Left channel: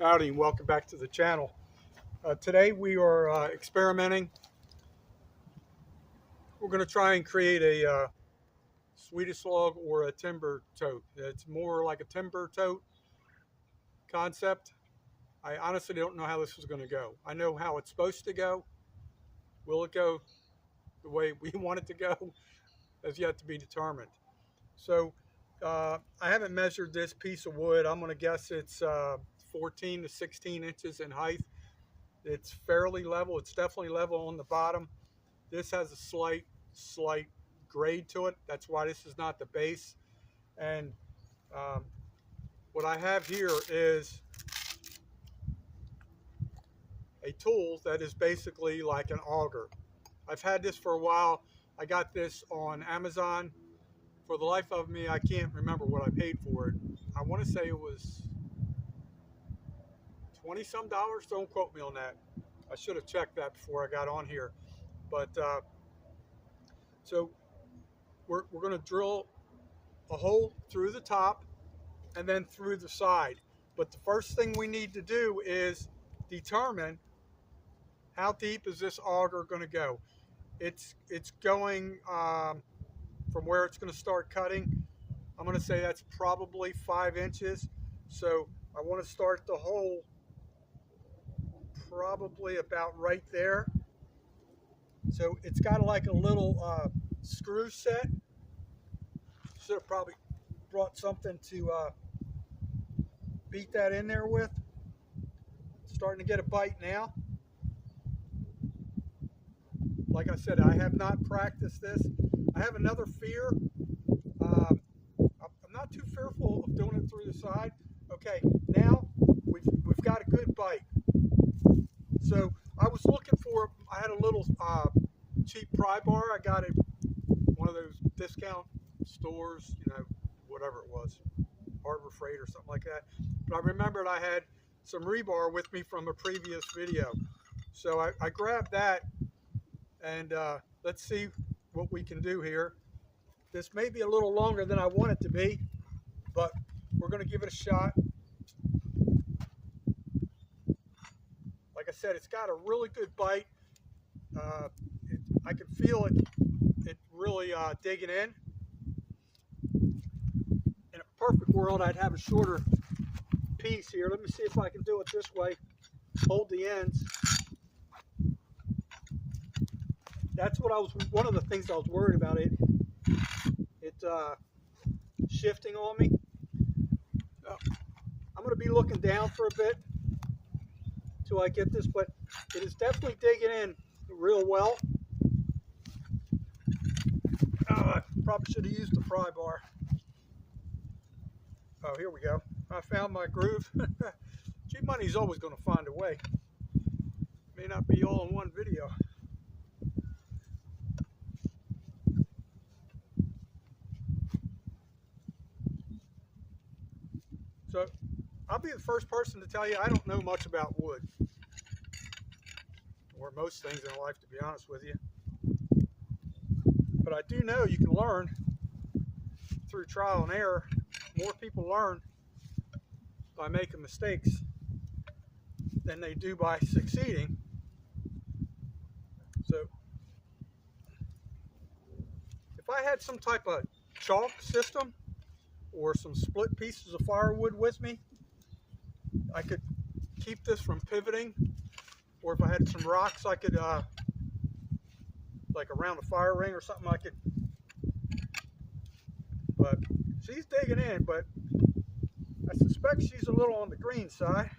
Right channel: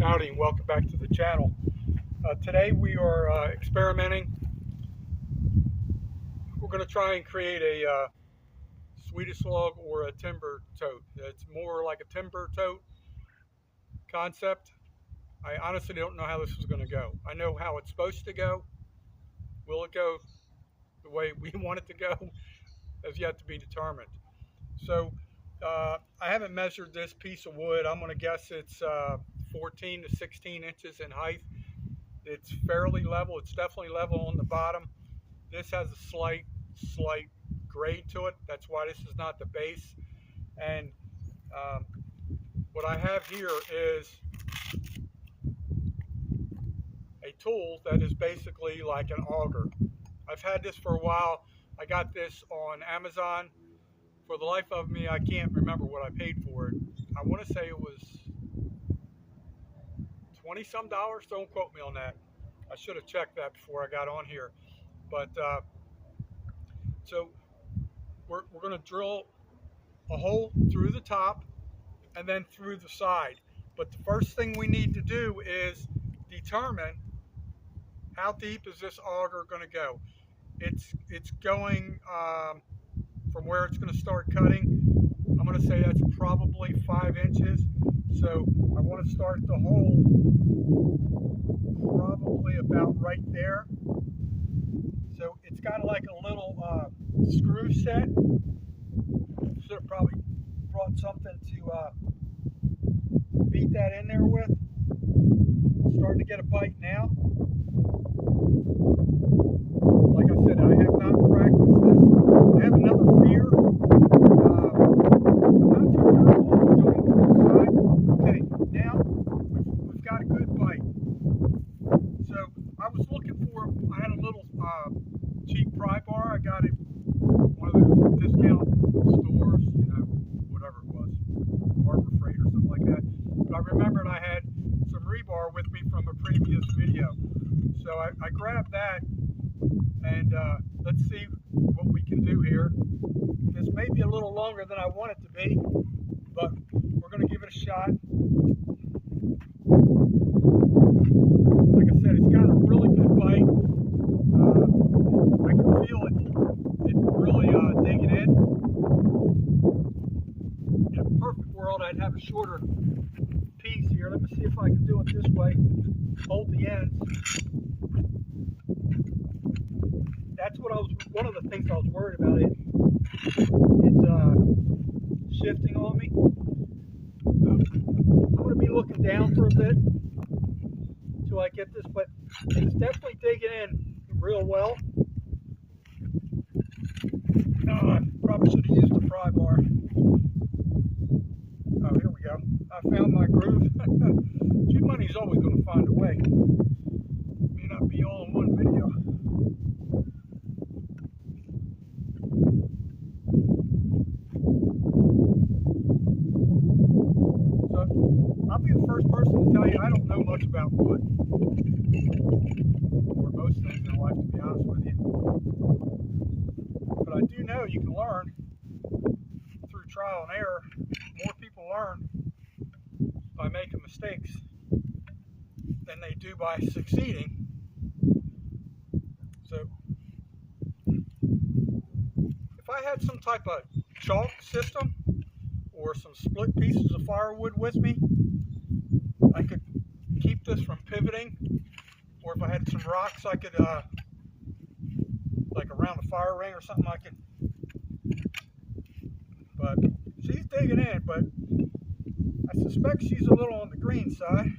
Howdy and welcome back to the channel. Today we are experimenting. We're going to try and create a Swedish log or a timber tote. It's more like a timber tote concept. I honestly don't know how this is going to go. I know how it's supposed to go. Will it go the way we want it to go? Has yet to be determined. So I haven't measured this piece of wood. I'm going to guess it's 14 to 16 inches in height. It's fairly level. It's definitely level on the bottom. This has a slight grade to it. That's why this is not the base. And what I have here is a tool that is basically like an auger. I've had this for a while. I got this on Amazon. For the life of me, I can't remember what I paid for it. I want to say it was $20-some. Don't quote me on that. I should have checked that before I got on here. But so we're going to drill a hole through the top and then through the side. But the first thing we need to do is determine how deep is this auger going to go. It's going from where it's going to start cutting. I'm going to say that's probably 5 inches. So I want to start the hole probably about right there. So it's got like a little screw set. Should have probably brought something to beat that in there with. Starting to get a bite now. Like I said, I have not practiced this. I have another fear. I'm not too fearful of doing it to the side. Okay, now we've got a good bite. So I was looking for, I had a little cheap pry bar. I got it one of those discount stores, you know, whatever it was, Harbor Freight or something like that. But I remembered I had some rebar with me from a previous video. So I grabbed that, and let's see what we can do here. This may be a little longer than I want it to be, but we're going to give it a shot. Like I said, it's got a really good bite. I can feel it really digging in. In a perfect world, I'd have a shorter piece here. Let me see if I can do it this way. Hold the ends. That's what one of the things I was worried about, it shifting on me. I'm going to be looking down for a bit until I get this, but it is definitely digging in real well. Oh, I probably should have used the pry bar. Oh, here we go. I found my groove. Cheap money's always going to find a way. May not be all in one video. So I'll be the first person to tell you I don't know much about wood, or most things in life, to be honest with you. But I do know you can learn through trial and error. More people learn by making mistakes than they do by succeeding. So if I had some type of chalk system or some split pieces of firewood with me, I could keep this from pivoting. Or if I had some rocks, I could like around a fire ring or something, I could. But she's digging in, but I suspect she's a little on the green side.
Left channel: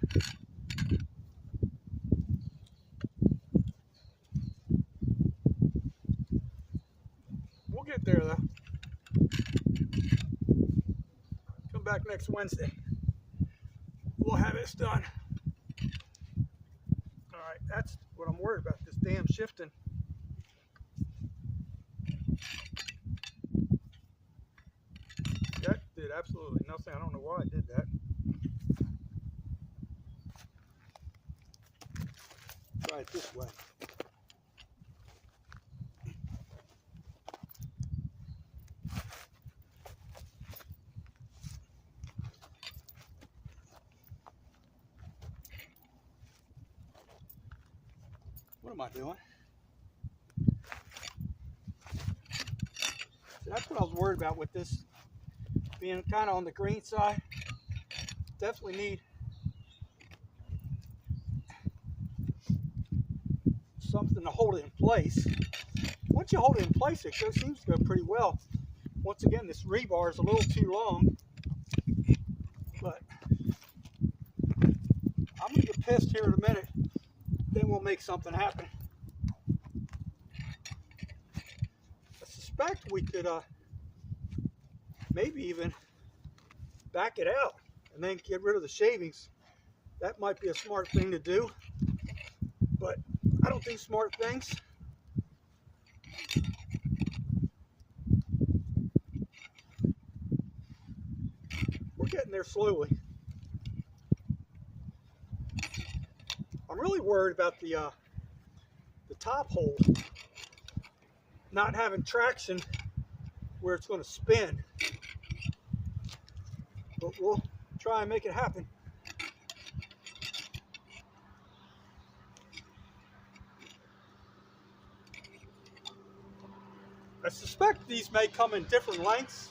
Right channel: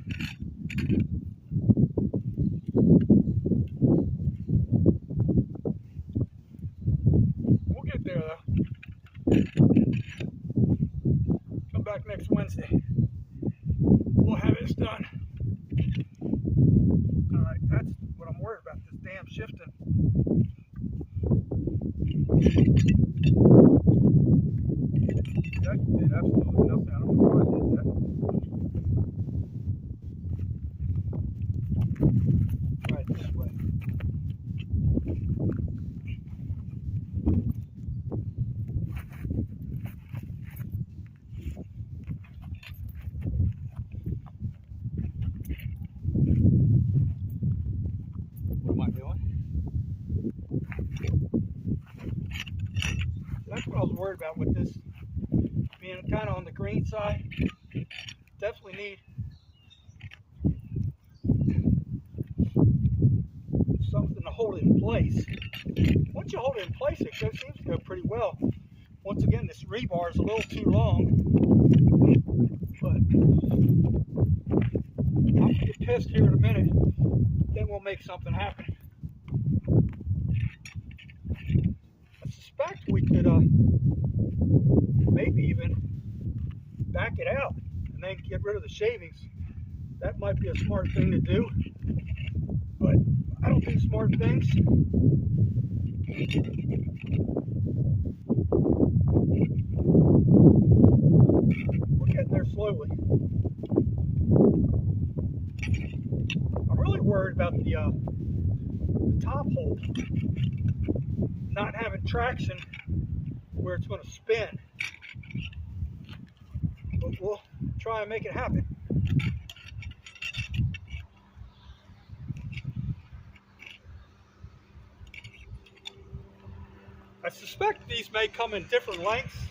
We'll get there though. Come back next Wednesday. We'll have this done. All right, that's what I'm worried about, this damn shifting. That did absolutely nothing. I don't know why I did that. Try it this way. I doing? So that's what I was worried about with this being kind of on the green side. Definitely need something to hold it in place. Once you hold it in place, it seems to go pretty well. Once again, this rebar is a little too long, but I'm gonna get pissed here in a minute. Then we'll make something happen. I suspect we could maybe even back it out and then get rid of the shavings. That might be a smart thing to do, but I don't do smart things. We're getting there slowly. I'm really worried about the top hole not having traction where it's going to spin, but we'll try and make it happen. I suspect these may come in different lengths.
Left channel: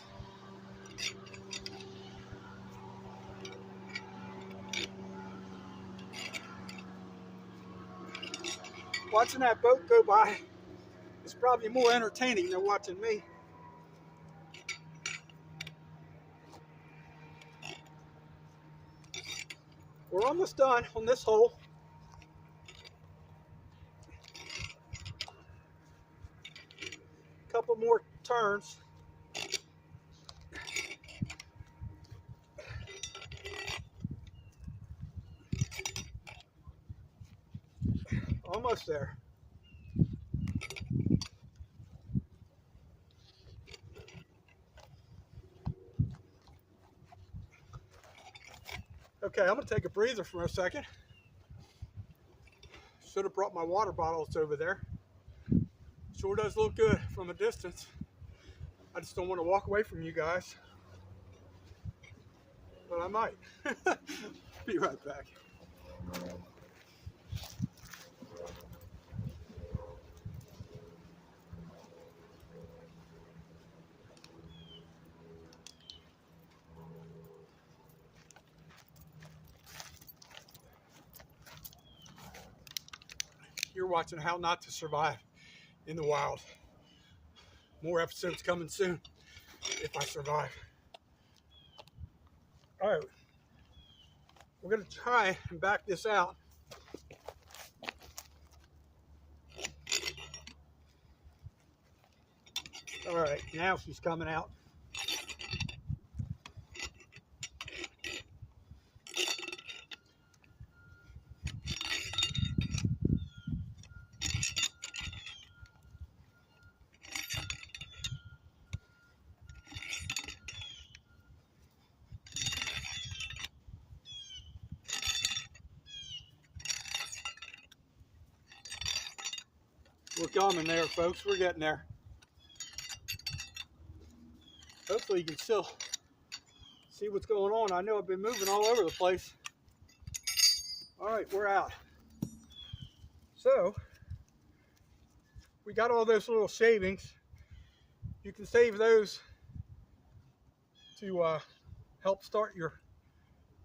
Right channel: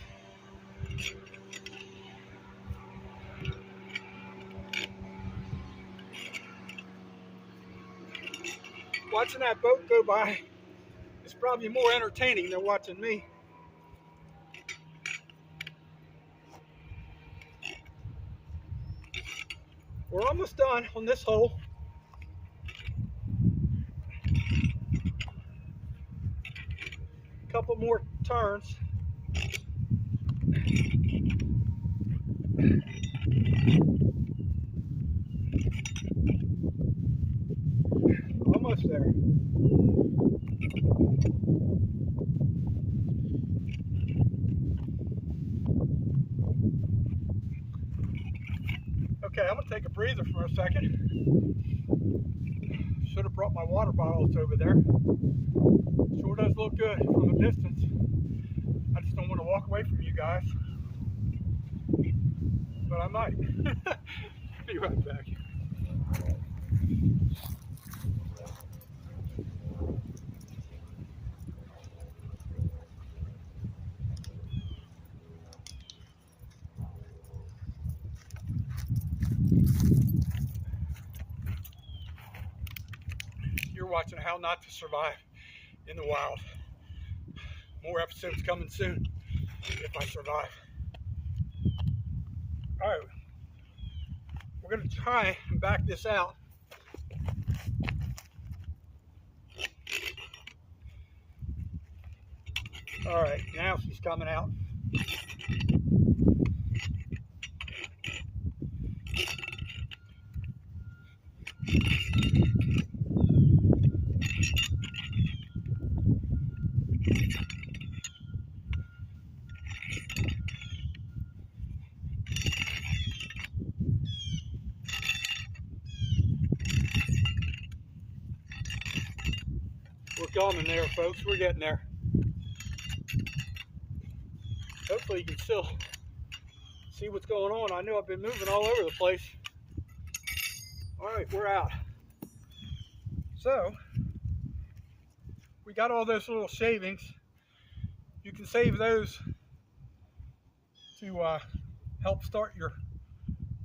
Watching that boat go by is probably more entertaining than watching me. We're almost done on this hole. Couple more turns. Almost there. Okay, I'm gonna take a breather for a second. Should have brought my water bottles over there. Sure does look good from a distance. I just don't want to walk away from you guys, but I might. Be right back. You're watching How Not to Survive in the Wild. More episodes coming soon if I survive. All right, we're gonna try and back this out. All right, now she's coming out. We're coming there, folks. We're getting there. Hopefully you can still see what's going on. I know I've been moving all over the place. All right, we're out. So, we got all those little shavings. You can save those to help start your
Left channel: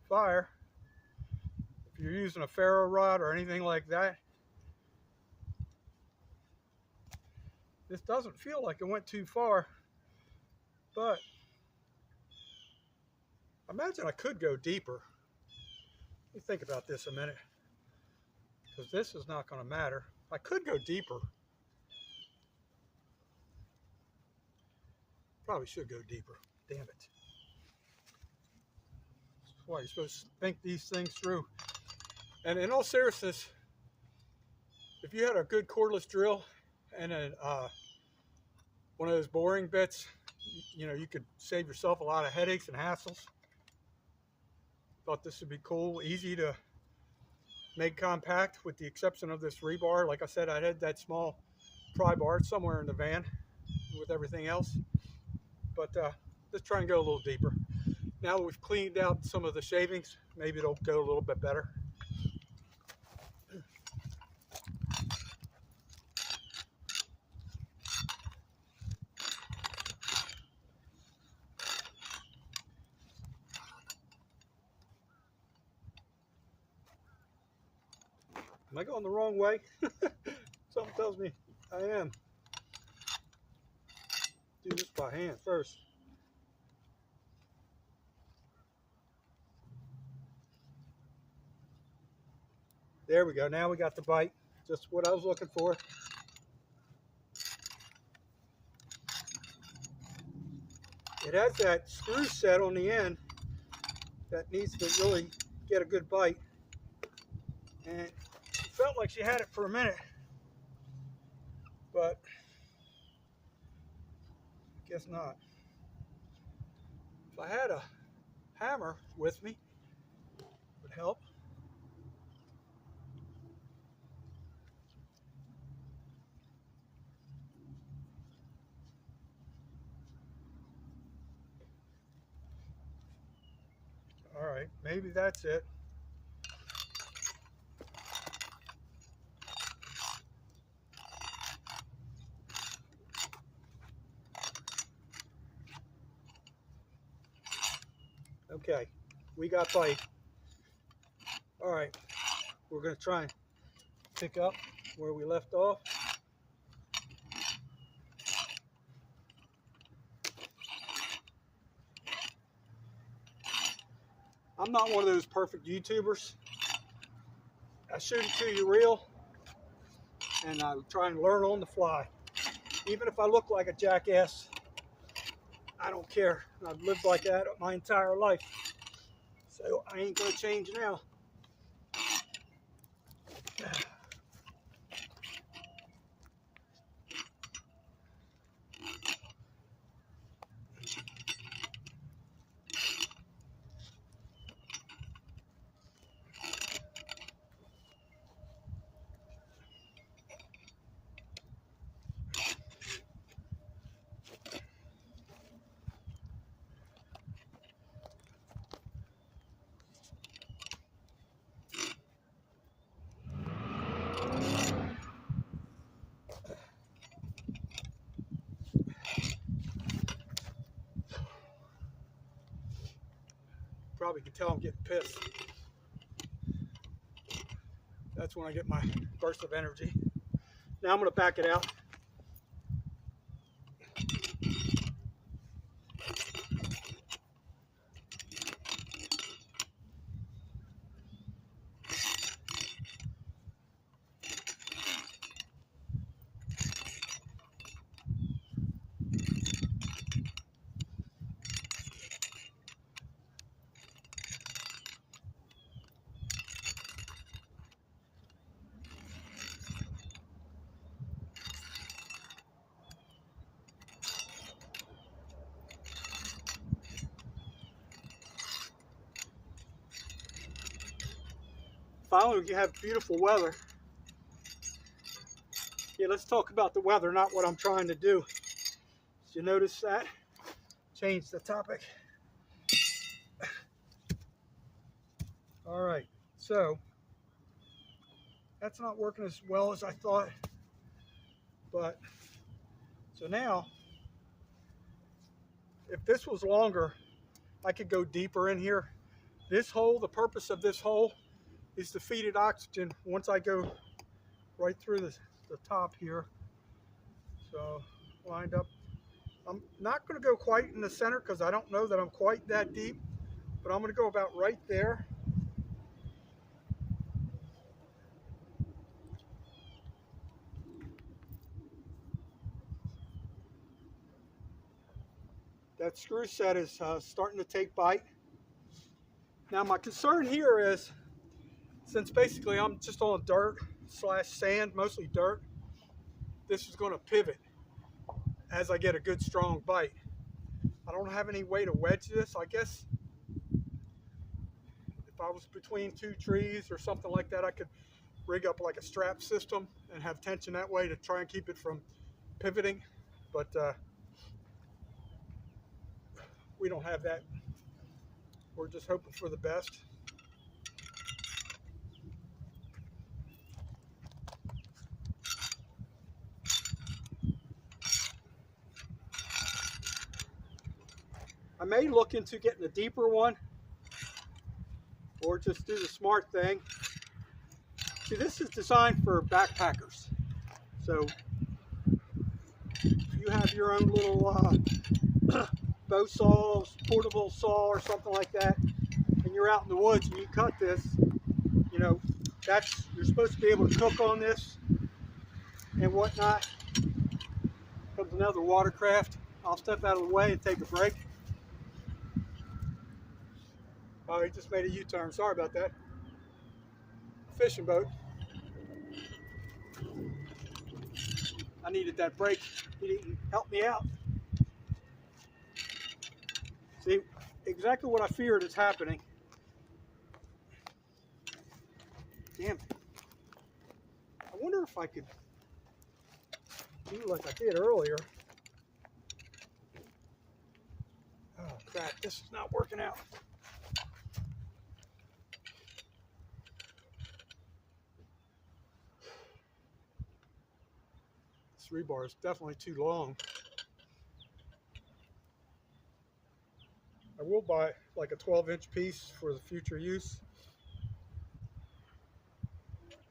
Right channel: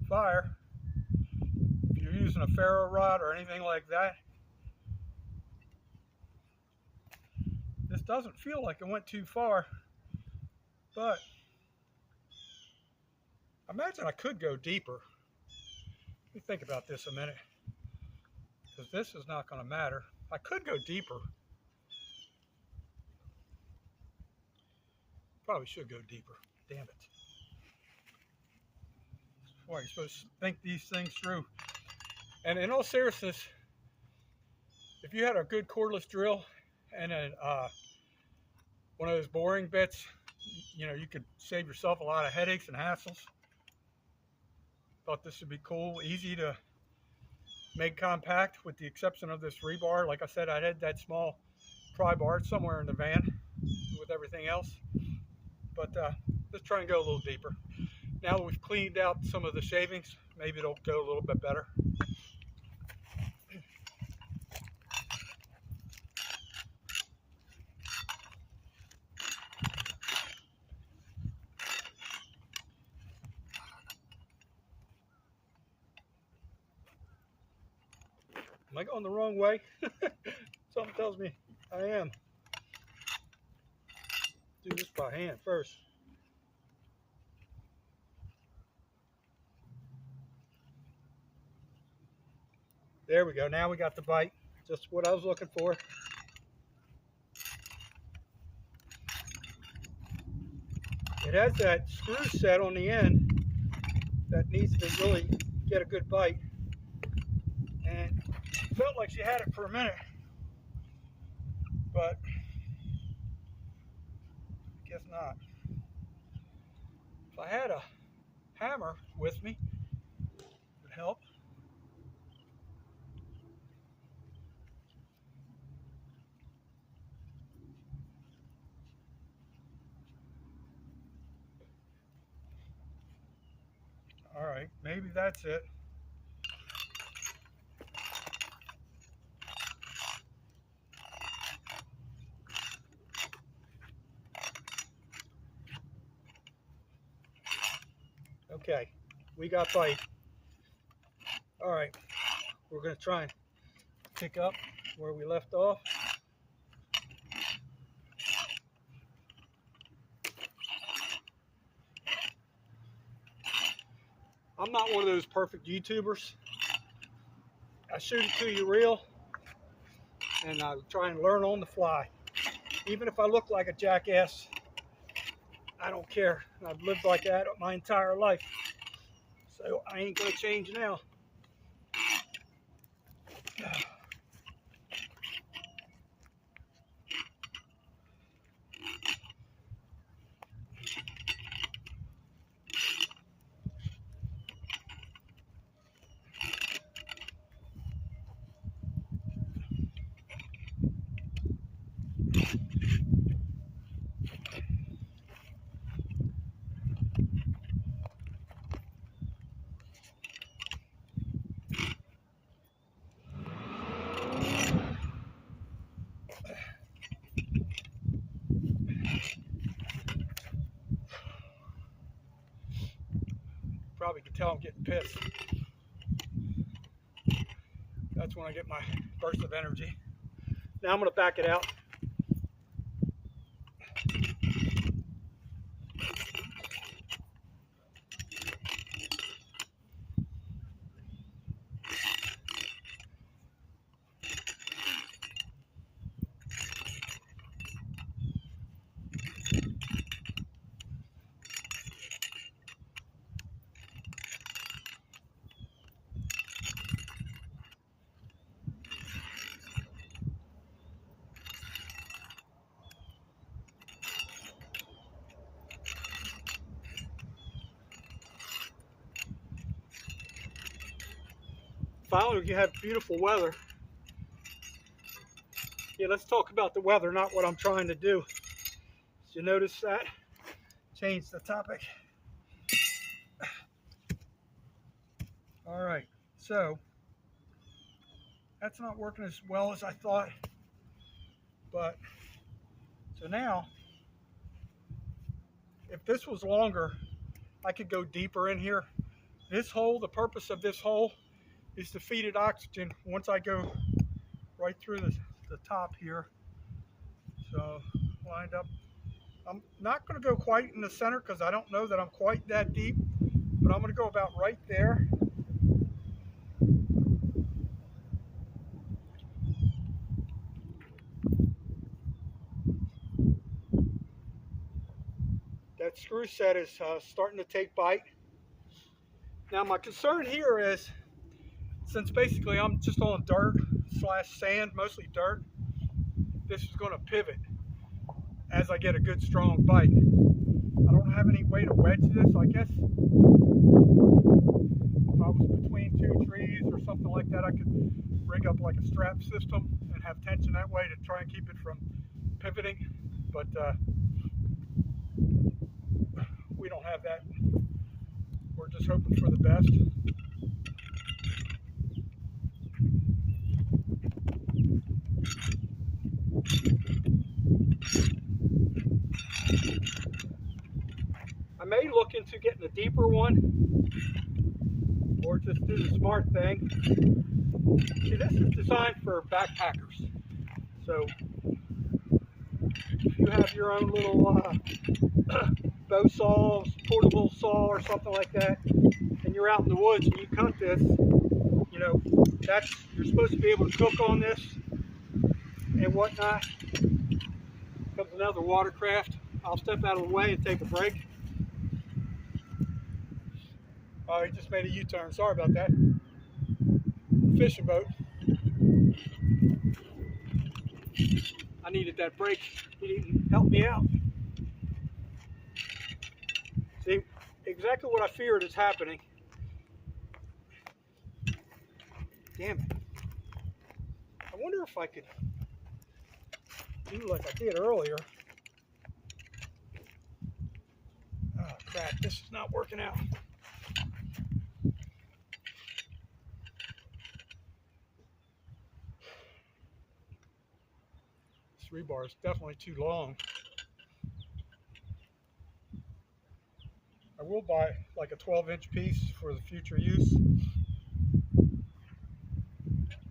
fire if you're using a ferro rod or anything like that. This doesn't feel like it went too far, but I imagine I could go deeper. Let me think about this a minute, because this is not going to matter. I could go deeper. Probably should go deeper. Damn it. That's why you're supposed to think these things through. And in all seriousness, if you had a good cordless drill and one of those boring bits, you know, you could save yourself a lot of headaches and hassles. Thought this would be cool, easy to make compact, with the exception of this rebar. Like I said, I had that small pry bar somewhere in the van with everything else. But let's try and go a little deeper. Now that we've cleaned out some of the shavings, maybe it'll go a little bit better. Am I going the wrong way? Something tells me I am. Do this by hand first. There we go. Now we got the bite. Just what I was looking for. It has that screw set on the end that needs to really get a good bite. And she felt like she had it for a minute, but I guess not. If I had a hammer with me, it would help. All right, maybe that's it. Okay, we got bite. All right, we're gonna try and pick up where we left off. I'm not one of those perfect YouTubers. I shoot it to you real, and I try and learn on the fly. Even if I look like a jackass, I don't care. I've lived like that my entire life, so I ain't gonna change now. Probably can tell I'm getting pissed. That's when I get my burst of energy. Now I'm going to back it out. Finally, you have beautiful weather. Yeah, let's talk about the weather, not what I'm trying to do. Did you notice that? Change the topic. All right, so that's not working as well as I thought. But so now, if this was longer, I could go deeper in here. This hole, the purpose of this hole is to feed it oxygen once I go right through the top here. So lined up. I'm not going to go quite in the center because I don't know that I'm quite that deep, but I'm going to go about right there. That screw set is starting to take bite. Now my concern here is, since basically I'm just on dirt / sand, mostly dirt, this is going to pivot as I get a good strong bite. I don't have any way to wedge this. I guess if I was between two trees or something like that, I could rig up like a strap system and have tension that way to try and keep it from pivoting. But we don't have that. We're just hoping for the best. I may look into getting a deeper one, or just do the smart thing See, this is designed for backpackers. So if you have your own little bow saw, portable saw or something like that, and you're out in the woods and you cut this, you know, you're supposed to be able to cook on this and whatnot. Comes another watercraft. I'll step out of the way and take a break. Oh, he just made a U-turn. Sorry about that. Fishing boat. I needed that break. He didn't help me out. See, exactly what I feared is happening. Damn it. I wonder if I could do like I did earlier. Oh crap, this is not working out. This rebar is definitely too long. I will buy like a 12-inch piece for the future use.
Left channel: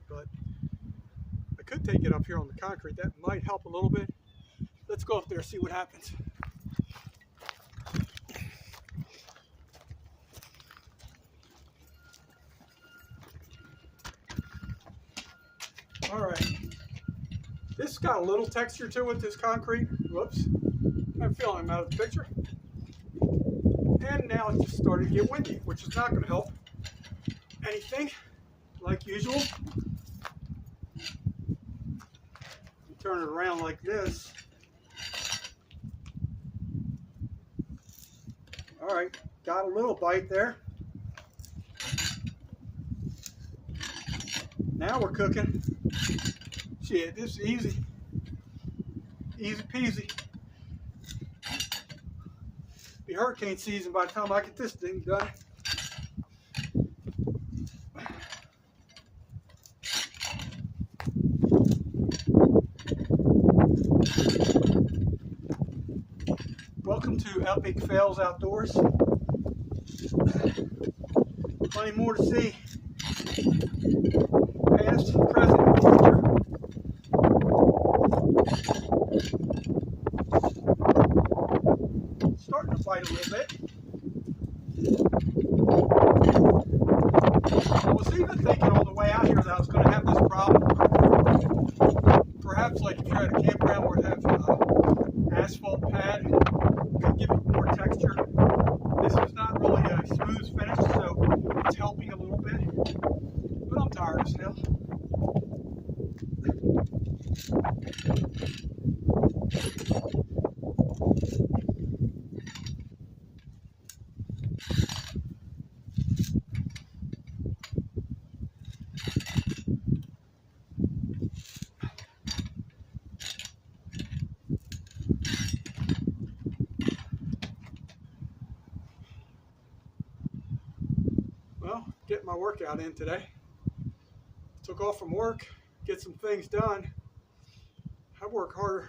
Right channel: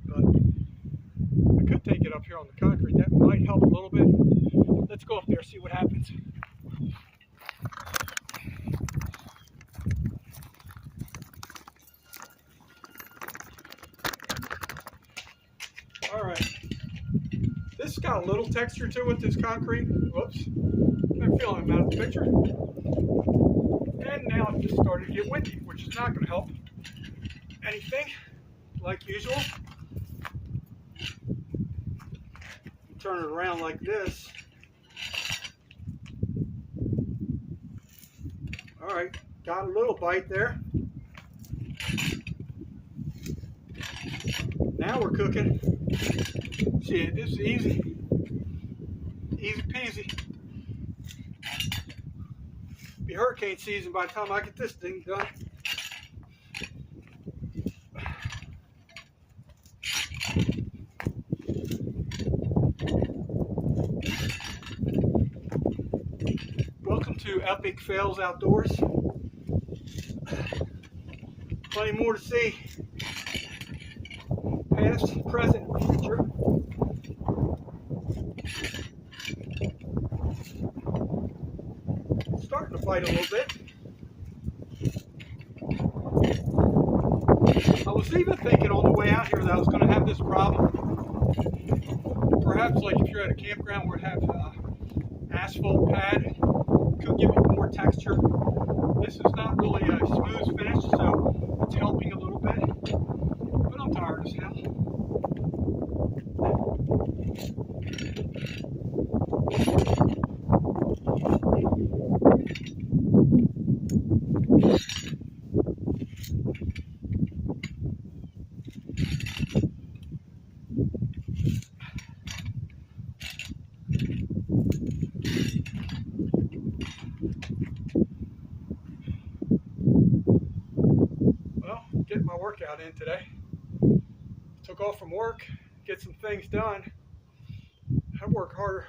But I could take it up here on the concrete. That might help a little bit. Let's go up there and see what happens. All right. This has got a little texture to it, this concrete. Whoops. I'm feeling out of the picture. And now it just started to get windy, which is not going to help anything, like usual. Turn it around like this. All right, got a little bite there. Now we're cooking. See, this is easy. Easy peasy. Be hurricane season by the time I get this thing done. Welcome to Epic Fails Outdoors. Plenty more to see. Past, present, future. Starting to bite a little bit. I was even thinking on the way out here that I was going to have this problem. Perhaps like if you're at a campground where it has asphalt pad, could give it more texture. This is not really a smooth finish, so it's helping a little bit. But I'm tired as hell. Well, getting my workout in today. Took off from work, get some things done. I work harder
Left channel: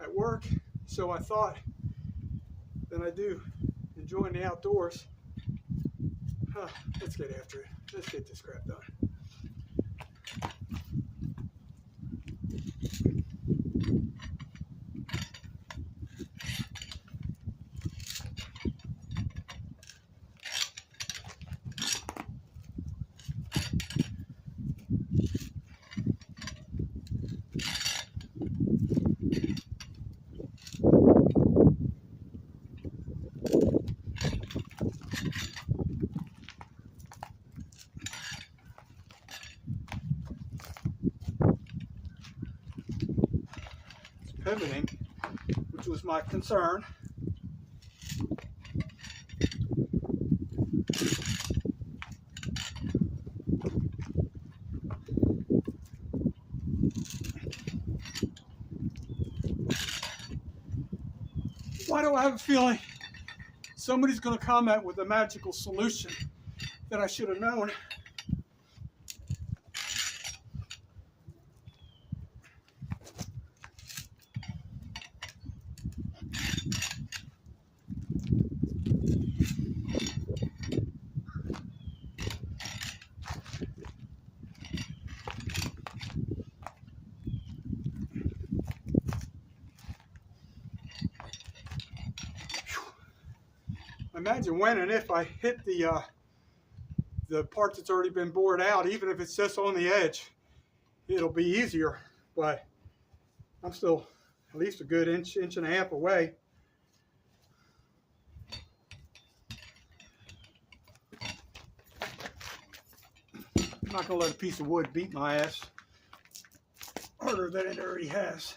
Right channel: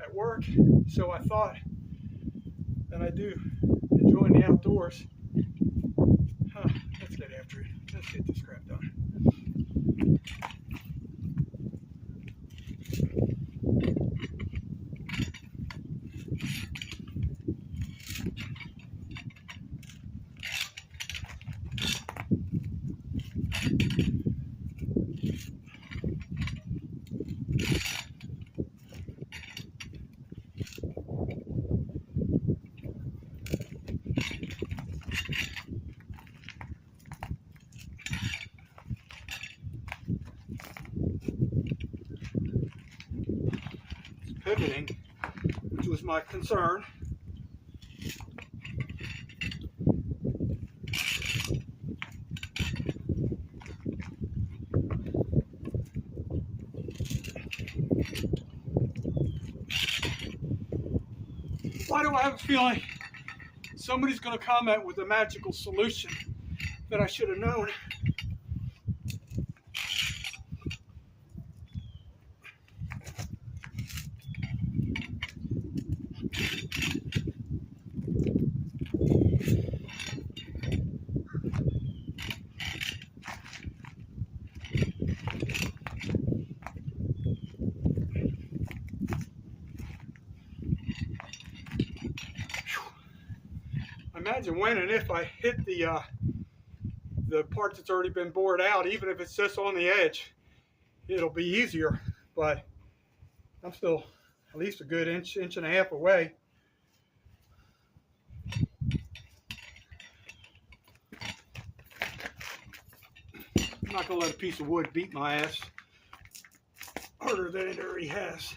at work, so I thought, than I do enjoying the outdoors. Let's get after it. Let's get this crap done. Pivoting, which was my concern. Why do I have a feeling somebody's going to comment with a magical solution that I should have known? imagine when and if I hit the part that's already been bored out, even if it's just on the edge, it'll be easier. But I'm still at least a good inch and a half away. I'm not going to let a piece of wood beat my ass harder than it already has.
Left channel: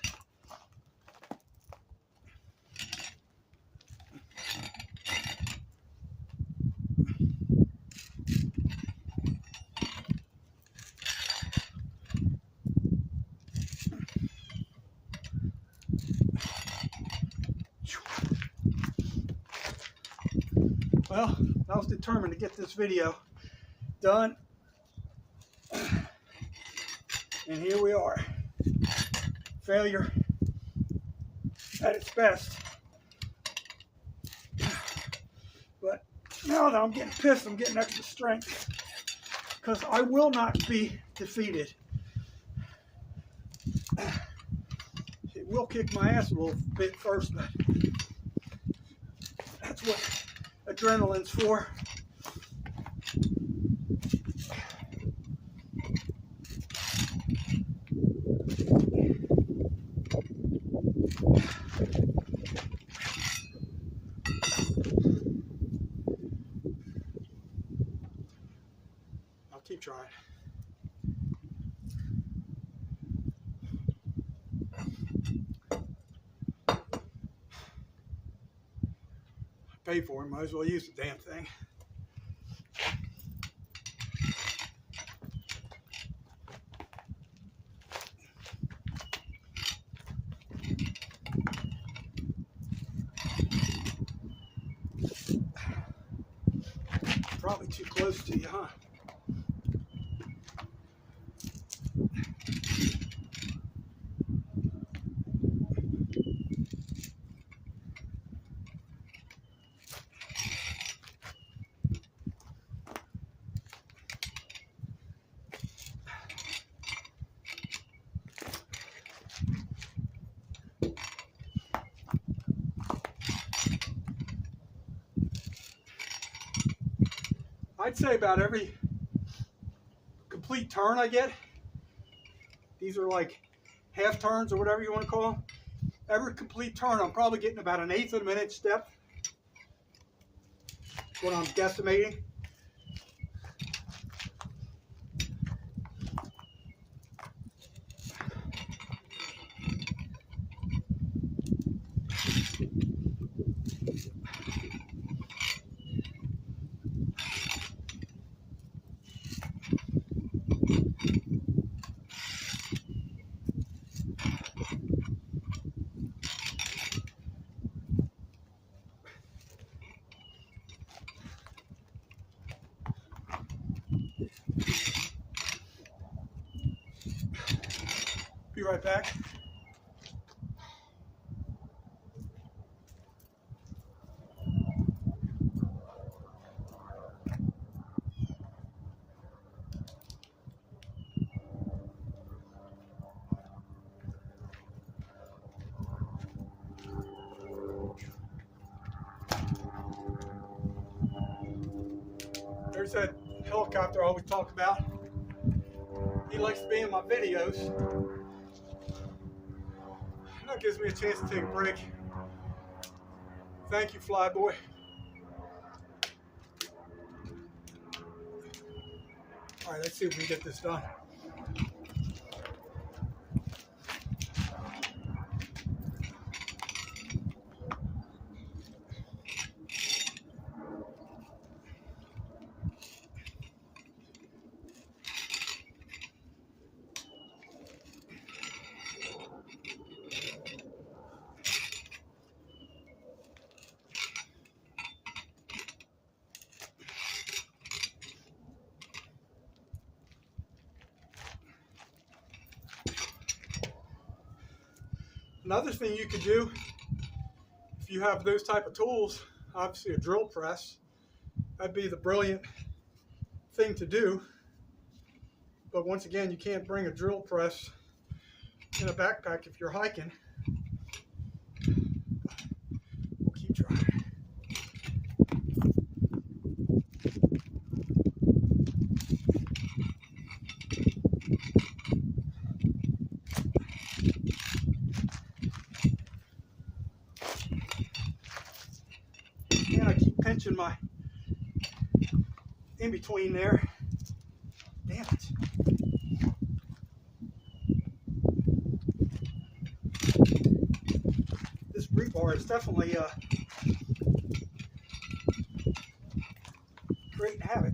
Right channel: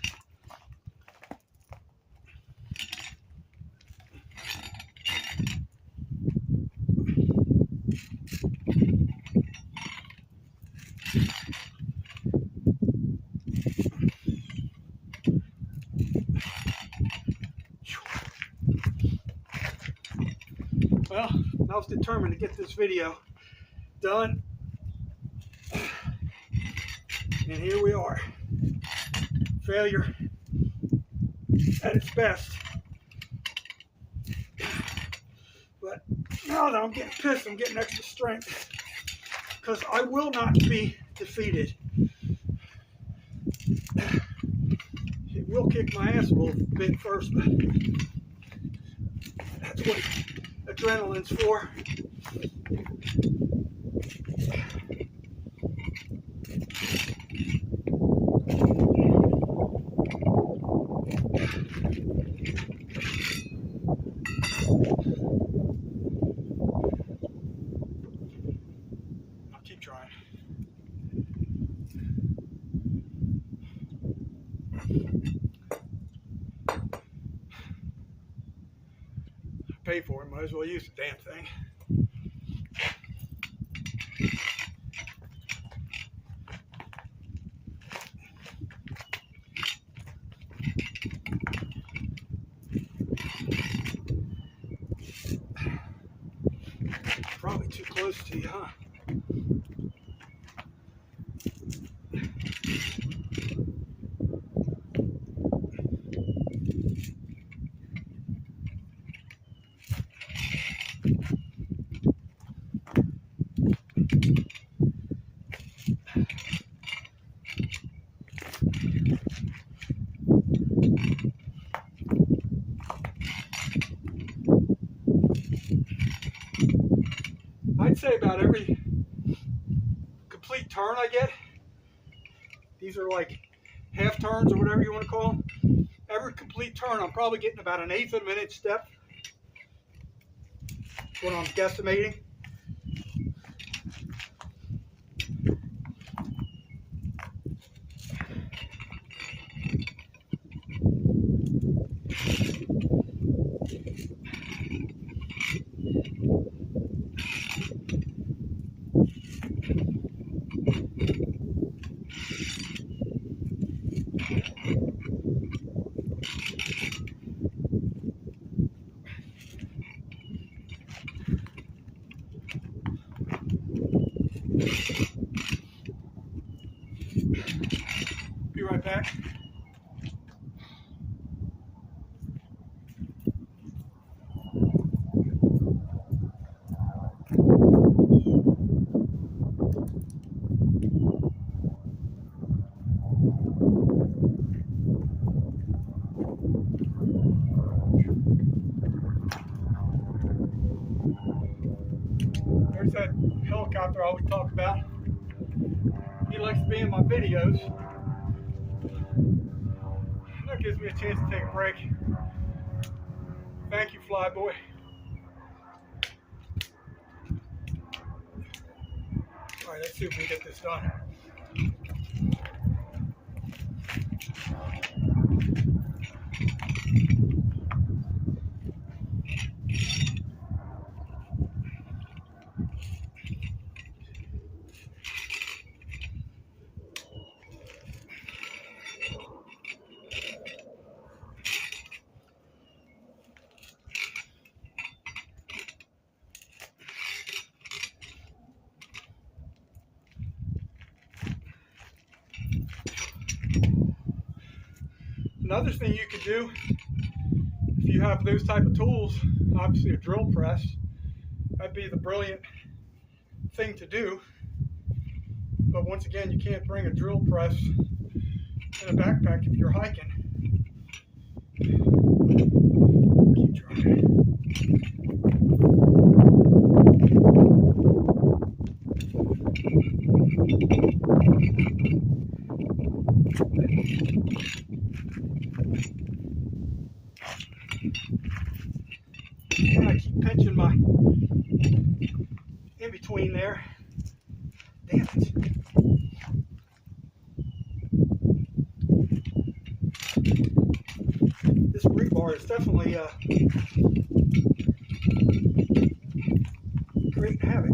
Well, I was determined to get this video done, and here we are. Failure at its best. But now that I'm getting pissed, I'm getting extra strength, because I will not be defeated. It will kick my ass a little bit first, but that's what adrenaline's for. I'll keep trying. Pay for it, might as well use the damn thing. Probably too close to you, huh? I'd say about every complete turn I get, these are like half turns or whatever you want to call them, every complete turn I'm probably getting about an eighth of an inch depth, what I'm guesstimating. Be right back. There's that helicopter I always talk about. He likes to be in my videos. That gives me a chance to take a break. Thank you, Flyboy. All right, let's see if we can get this done. Another thing you could do, if you have those type of tools, obviously a drill press, that'd be the brilliant thing to do. But once again, you can't bring a drill press in a backpack if you're hiking. Keep keep trying. And I keep pinching my in between there. Damn it. This rebar is definitely creating havoc.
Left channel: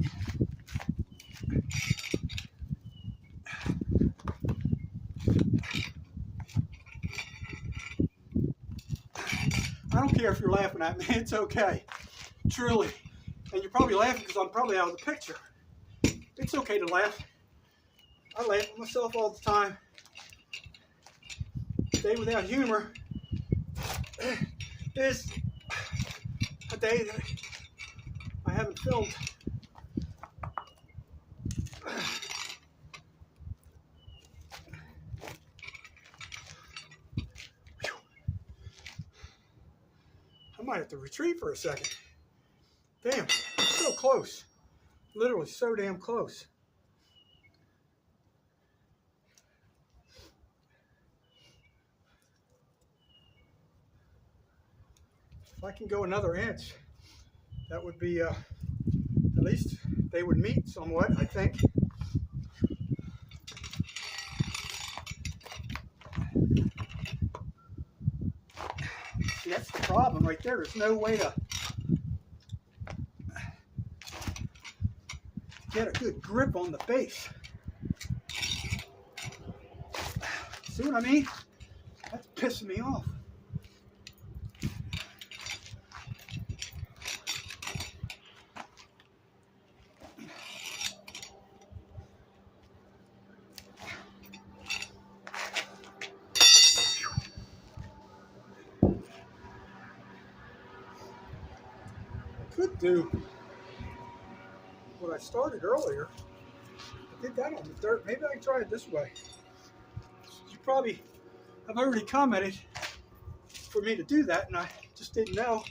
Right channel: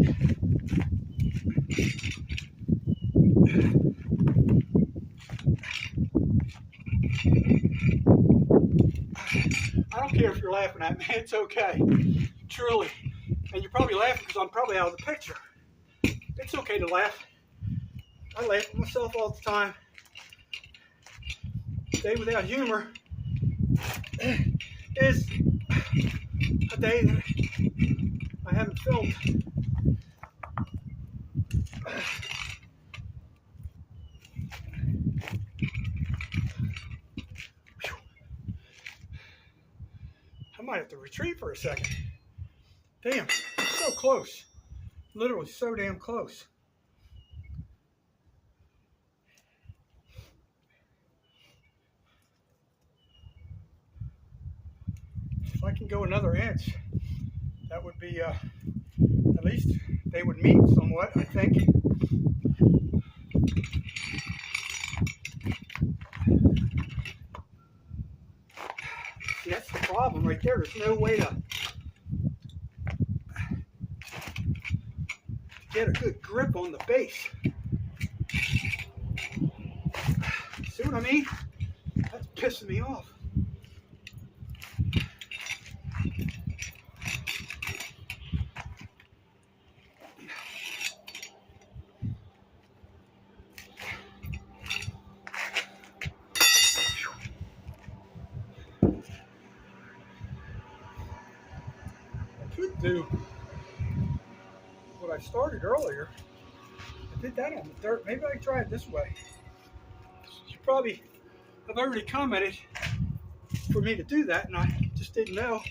I don't care if you're laughing at me, it's okay. Truly. And you're probably laughing because I'm probably out of the picture. It's okay to laugh. I laugh at myself all the time. A day without humor is a day that I haven't filmed. I might have to retreat for a second. Damn, so close. Literally so damn close. If I can go another inch, that would be, at least they would meet somewhat, I think. See, that's the problem right there. There's no way to get a good grip on the base. See what I mean? That's pissing me off. Could do what I started earlier. I did that on the dirt. Maybe I can try it this way. You probably have already commented for me to do that, and I just didn't know.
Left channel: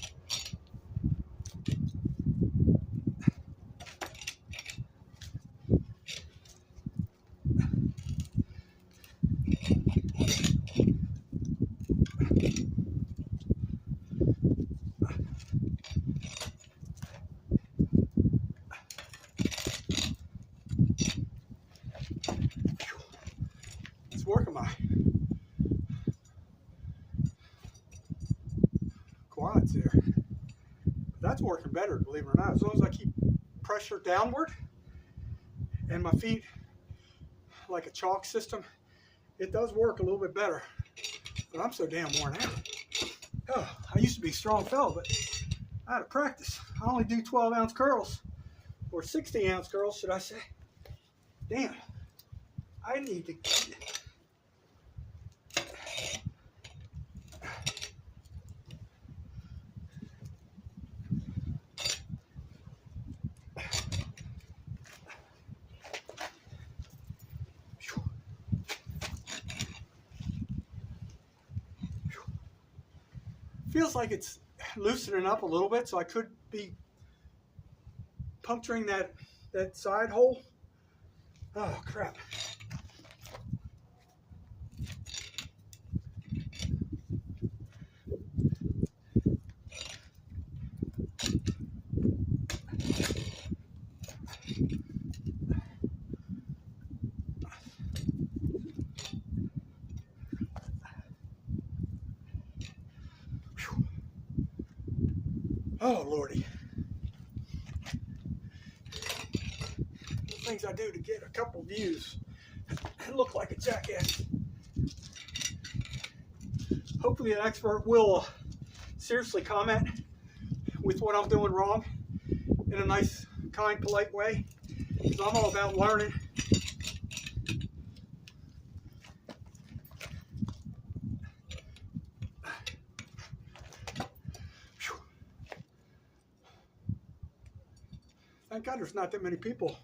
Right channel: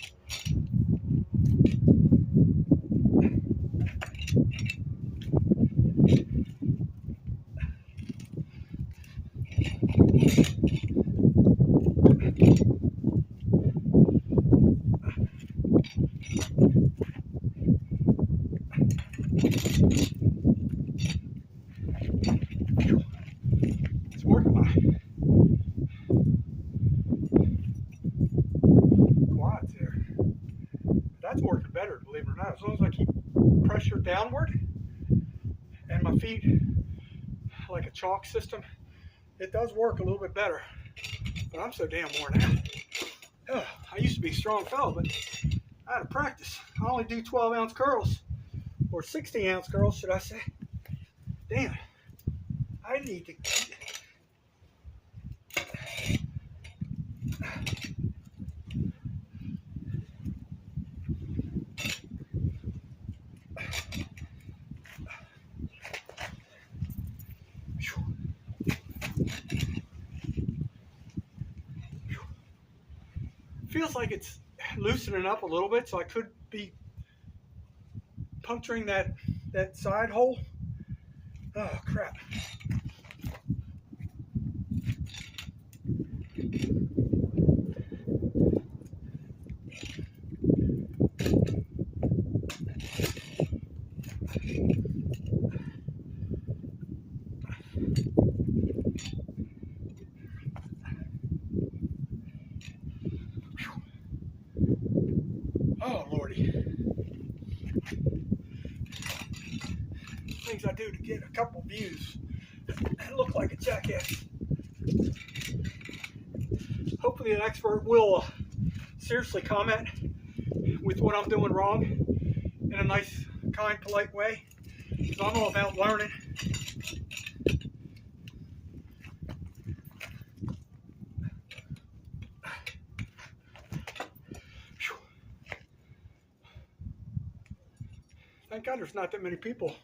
It's working my quads there. That's working better, believe it or not. As long as I keep pressure downward and my feet like a chalk system, it does work a little bit better. But I'm so damn worn out. Oh, I used to be a strong fella, but I had to practice. I only do 12-ounce curls, or 16-ounce curls, should I say. Damn, I need to... Feels like it's loosening up a little bit, so I could be puncturing that side hole. Oh crap. Oh Lordy. Things I do to get a couple views and look like a jackass. Hopefully an expert will seriously comment with what I'm doing wrong in a nice, kind, polite way, because I'm all about learning. Thank God there's not that many people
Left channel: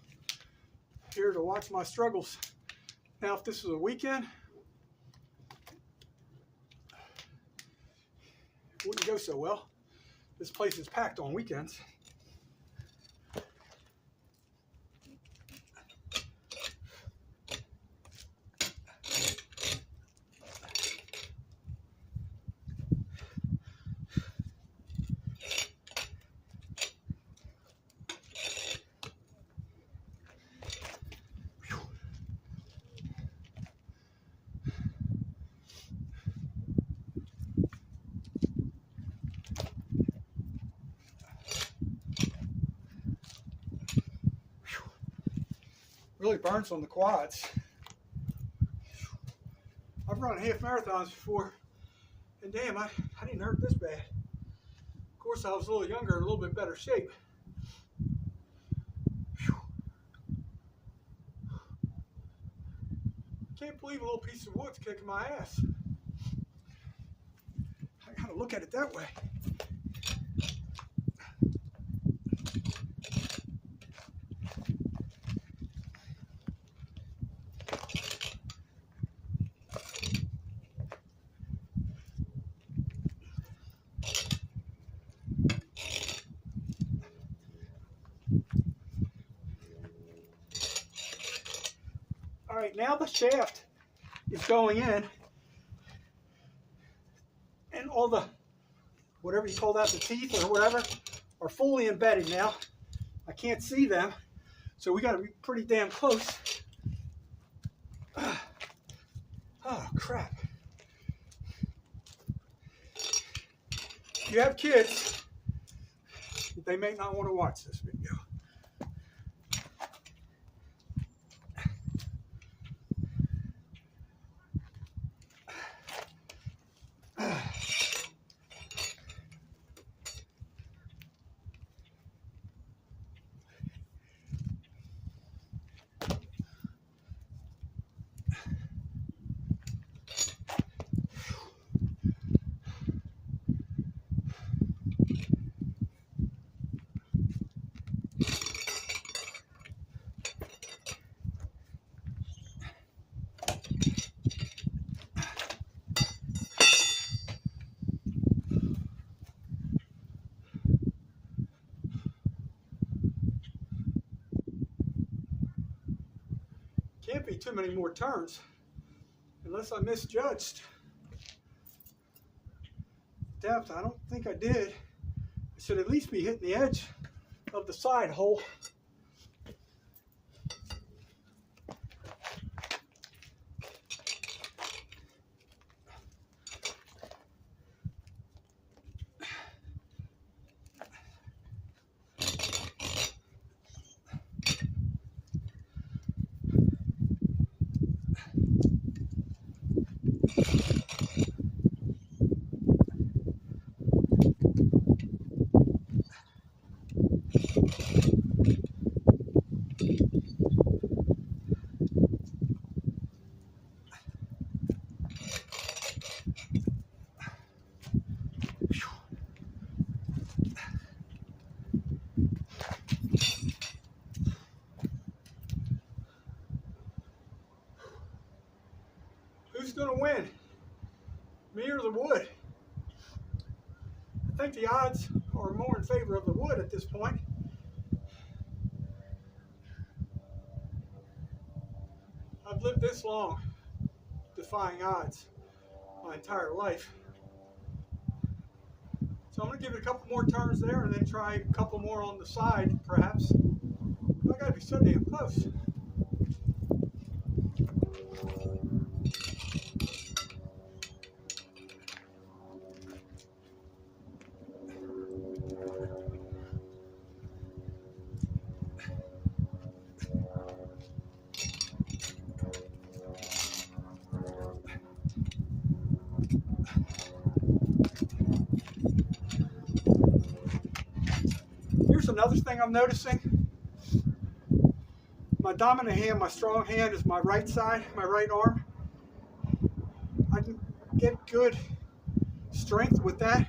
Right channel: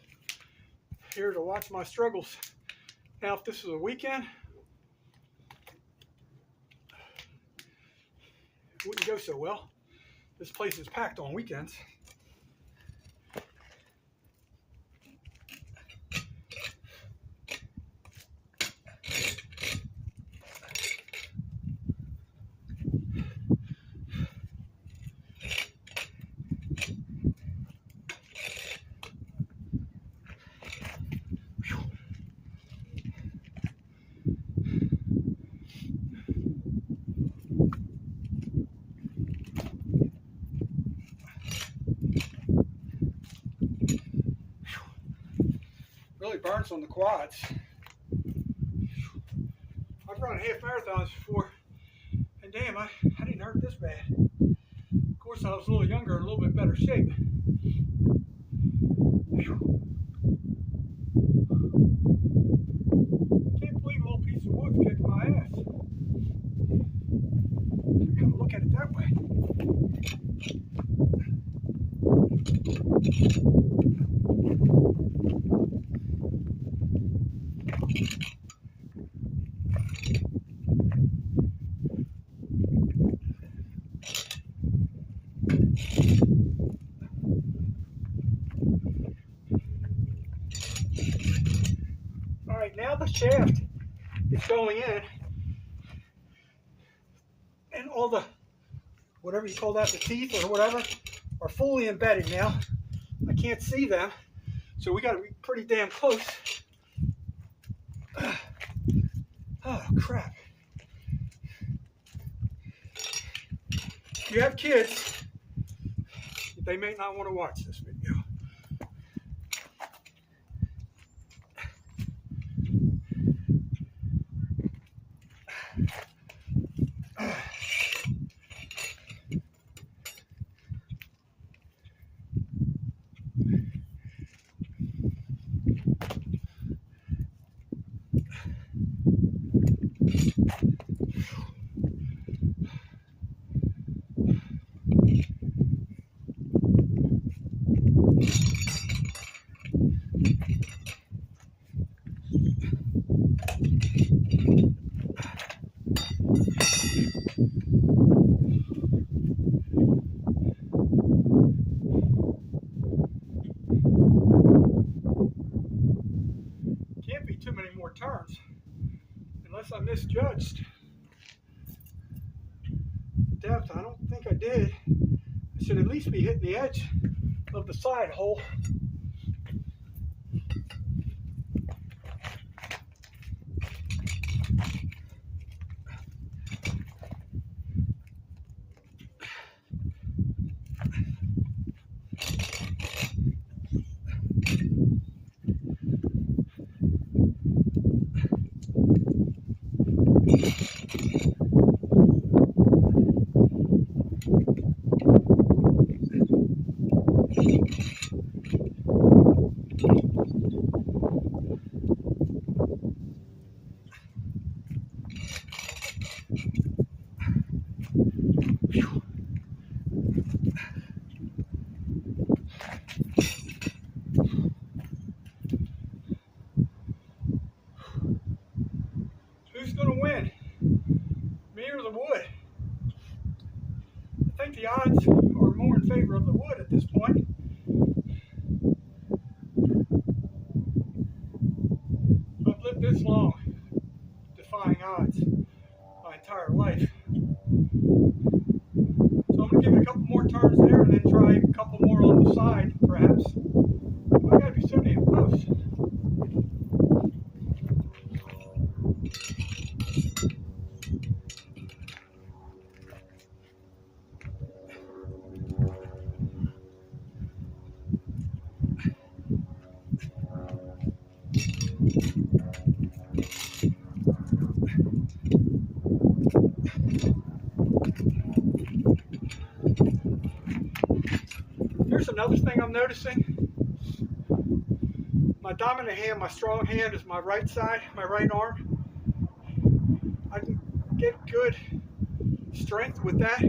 here to watch my struggles. Now, if this was a weekend, it wouldn't go so well. This place is packed on weekends. Really burns on the quads. I've run half marathons before, and damn, I didn't hurt this bad. Of course, I was a little younger, and a little bit better shape. Whew. Can't believe a little piece of wood's kicking my ass. I gotta look at it that way. All right, now the shaft is going in, and all the, whatever you call that, the teeth or whatever, are fully embedded now. I can't see them, so we got to be pretty damn close. Oh, crap. If you have kids, they may not want to watch this video. Can't be too many more turns unless I misjudged the depth. I don't think I did. I should at least be hitting the edge of the side hole. Who's going to win? Me or the wood? I think the odds are more in favor of the wood at this point. I've lived this long, defying odds, my entire life. So I'm going to give it a couple more turns there and then try a couple more on the side, perhaps. I've got to be so damn close. Here's another thing I'm noticing. My dominant hand, my strong hand, is my right side, my right arm. I can get good strength with that,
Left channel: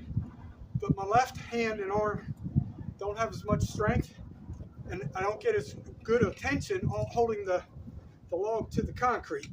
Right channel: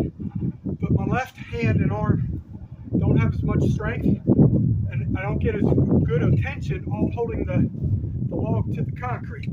but my left hand and arm don't have as much strength, and I don't get as good a tension on holding the log to the concrete.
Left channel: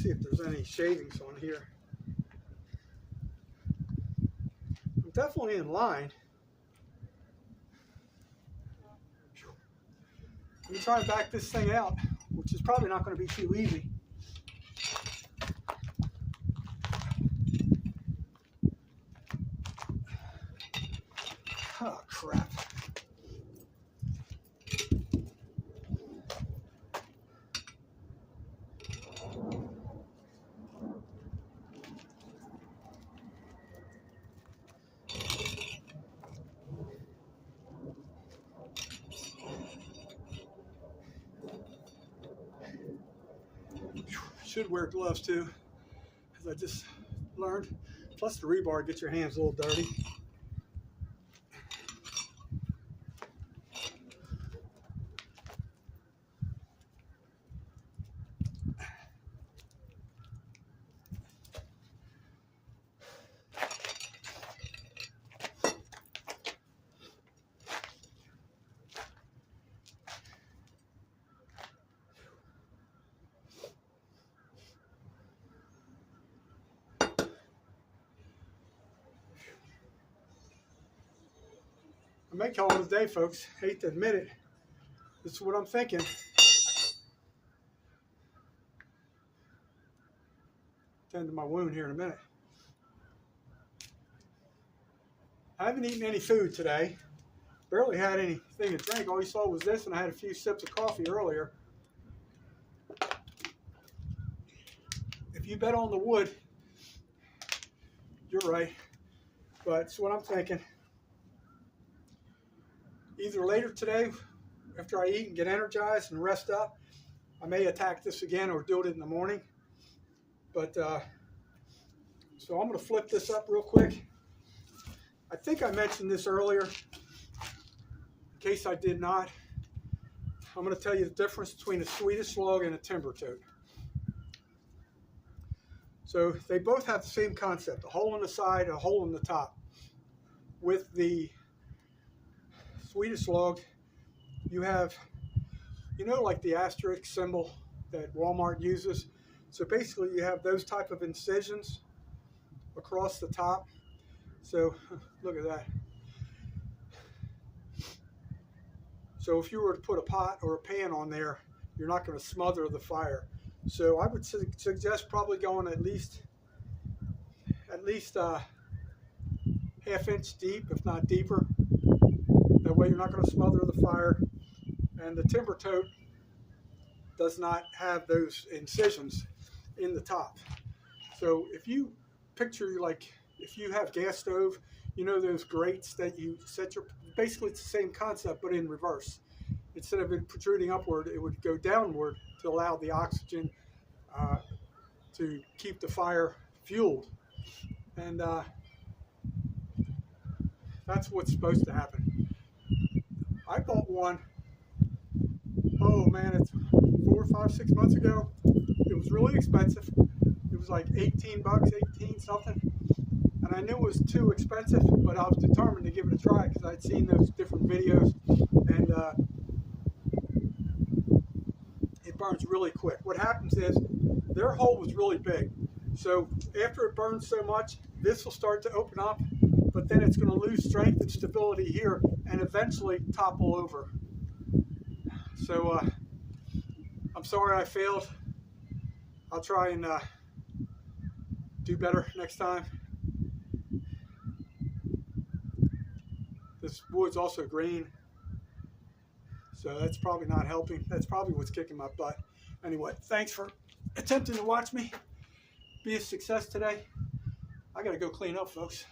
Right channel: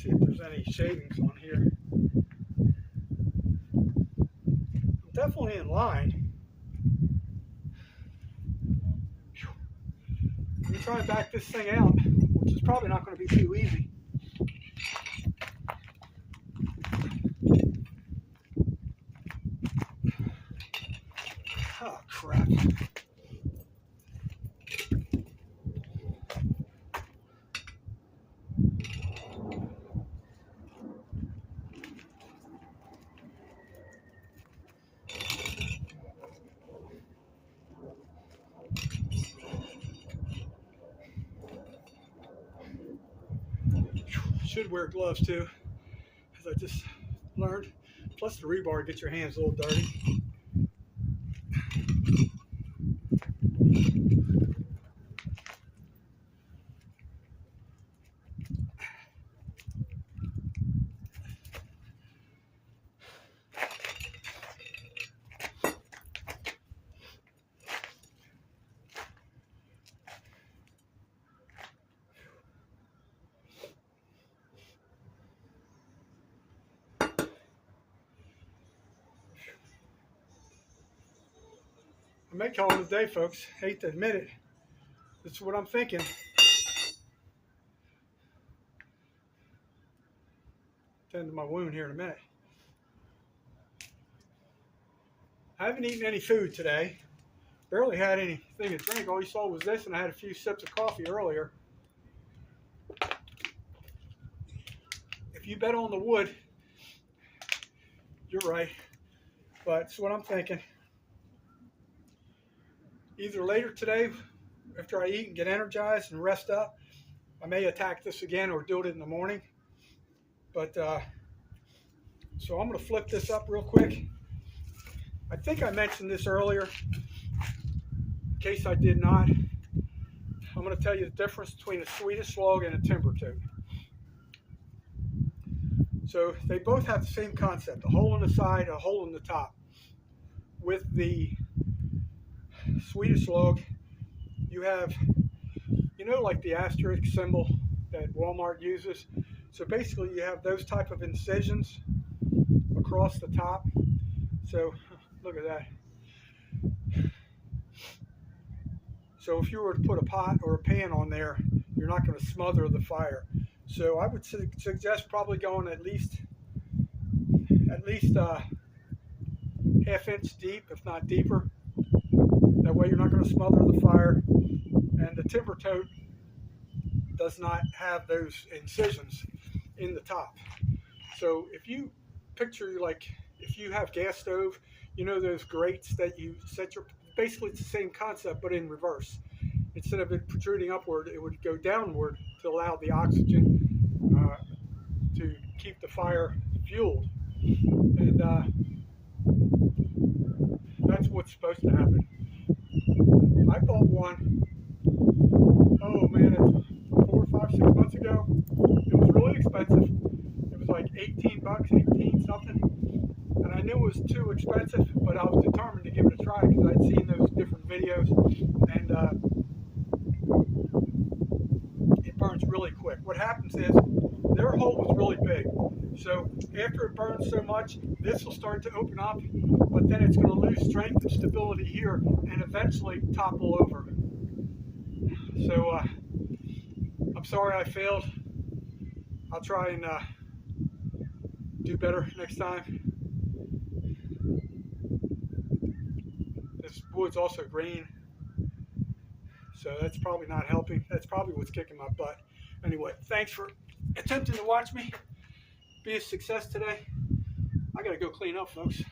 See if there's any shavings on here. I'm definitely in line. Let me try and back this thing out, which is probably not going to be too easy. Oh, crap. Should wear gloves too, as I just learned. Plus the rebar gets your hands a little dirty. I may call it a day, folks. Hate to admit it. This is what I'm thinking. Tend to my wound here in a minute. I haven't eaten any food today. Barely had anything to drink. All you saw was this, and I had a few sips of coffee earlier. If you bet on the wood, you're right. But it's what I'm thinking. Either later today, after I eat and get energized and rest up, I may attack this again or do it in the morning. But, so I'm going to flip this up real quick. I think I mentioned this earlier. In case I did not, I'm going to tell you the difference between a Swedish log and a timber tote. So they both have the same concept, a hole in the side, a hole in the top. With the Swedish log, you have, you know, like the asterisk symbol that Walmart uses. So basically you have those type of incisions across the top. So look at that. So if you were to put a pot or a pan on there, you're not going to smother the fire. So I would suggest probably going at least half inch deep, if not deeper. That way you're not going to smother the fire. And the timber tote does not have those incisions in the top. So if you picture, like, if you have gas stove, you know those grates that you set your, basically it's the same concept but in reverse. Instead of it protruding upward, it would go downward to allow the oxygen to keep the fire fueled. And that's what's supposed to happen. I bought one, oh man, it's 4, 5, 6 months ago. It was really expensive. It was like 18 bucks, 18 something. And I knew it was too expensive, but I was determined to give it a try because I'd seen those different videos, and it burns really quick. What happens is their hole was really big. So after it burns so much, this will start to open up, but then it's going to lose strength and stability here and eventually topple over. So I'm sorry I failed. I'll try and do better next time. This wood's also green, so that's probably not helping. That's probably what's kicking my butt. Anyway, thanks for attempting to watch me be a success today. I gotta go clean up, folks.